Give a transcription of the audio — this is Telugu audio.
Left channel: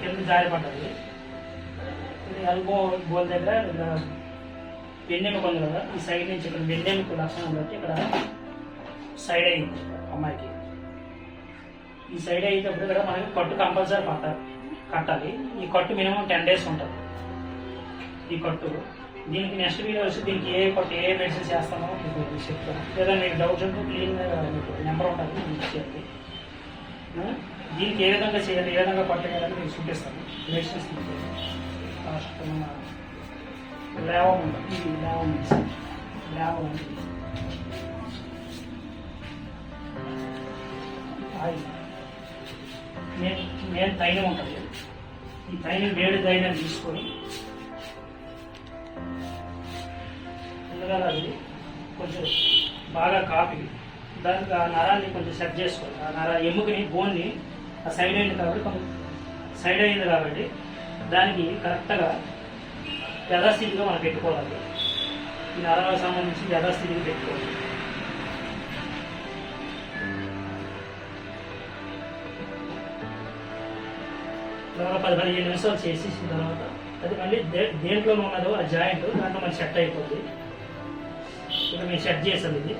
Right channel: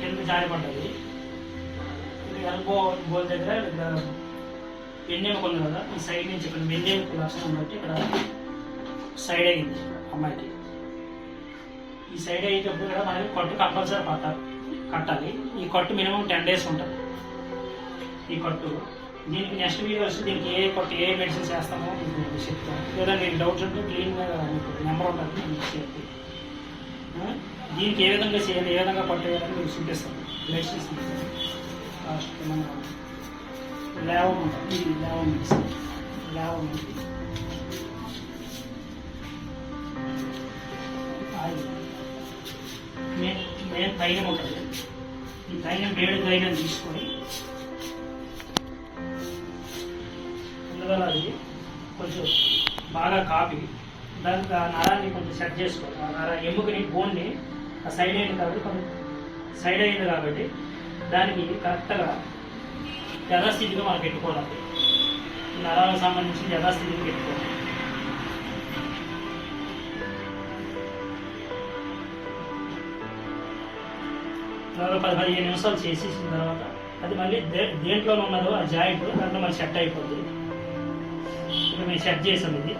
కింద జారి పడ్డది. ఇది ఎల్బో బోల్ దగ్గర ఇక్కడ వెన్నెముక ఉంది కదా, ఈ సైడ్ నుంచి ఇక్కడ వెన్నెముక లక్షణం బట్టి ఇక్కడ సైడ్ అయింది అమ్మాయికి. ఈ సైడ్ అయ్యేటప్పుడు కూడా మనకి కట్టు కంపల్సరీ కట్టాలి. ఈ కట్టు మినిమం 10 days ఉంటుంది ఈ కట్టు. దీనికి నెక్స్ట్ వీడియో వచ్చి దీనికి ఏ కట్టు ఏ మెడిసిన్స్ చేస్తామో మీకు చెప్తాను. లేదా మీకు డౌట్స్ ఉంటే క్లీన్గా మీకు నెంబర్ ఉంటుంది మీకు చెప్పి దీనికి ఏ విధంగా చేయాలి, ఏ విధంగా పట్టేయాలని మీకు చూపిస్తాను. మెడిసిన్స్ లాస్ట్ మన లేవం ఉంటుంది, ఇది లేవం ఉంది. మెయిన్ తైలం ఉంటుంది. ఈ తైలం వేడి తైలం తీసుకొని ముందుగా అది కొంచెం బాగా కాపి దానికి ఆ నరాన్ని కొంచెం సెట్ చేసుకోవాలి. ఆ నర ఎముకని బోన్ని ఆ సైడ్ అయింది కాబట్టి కొంచెం సైడ్ అయింది కాబట్టి దానికి కరెక్ట్గా యథాస్థితిగా మనం పెట్టుకోవాలి. ఈ నరాలకు సంబంధించి యథాస్థితికి పెట్టుకోవాలి. తర్వాత 10-15 నిమిషాలు చేసేసిన తర్వాత అది మళ్ళీ దేంట్లో ఉన్నదో ఆ జాయింట్ దాంట్లో మళ్ళీ సెట్ అయిపోద్ది. ఇక మేము సెట్ చేసాం ఇది.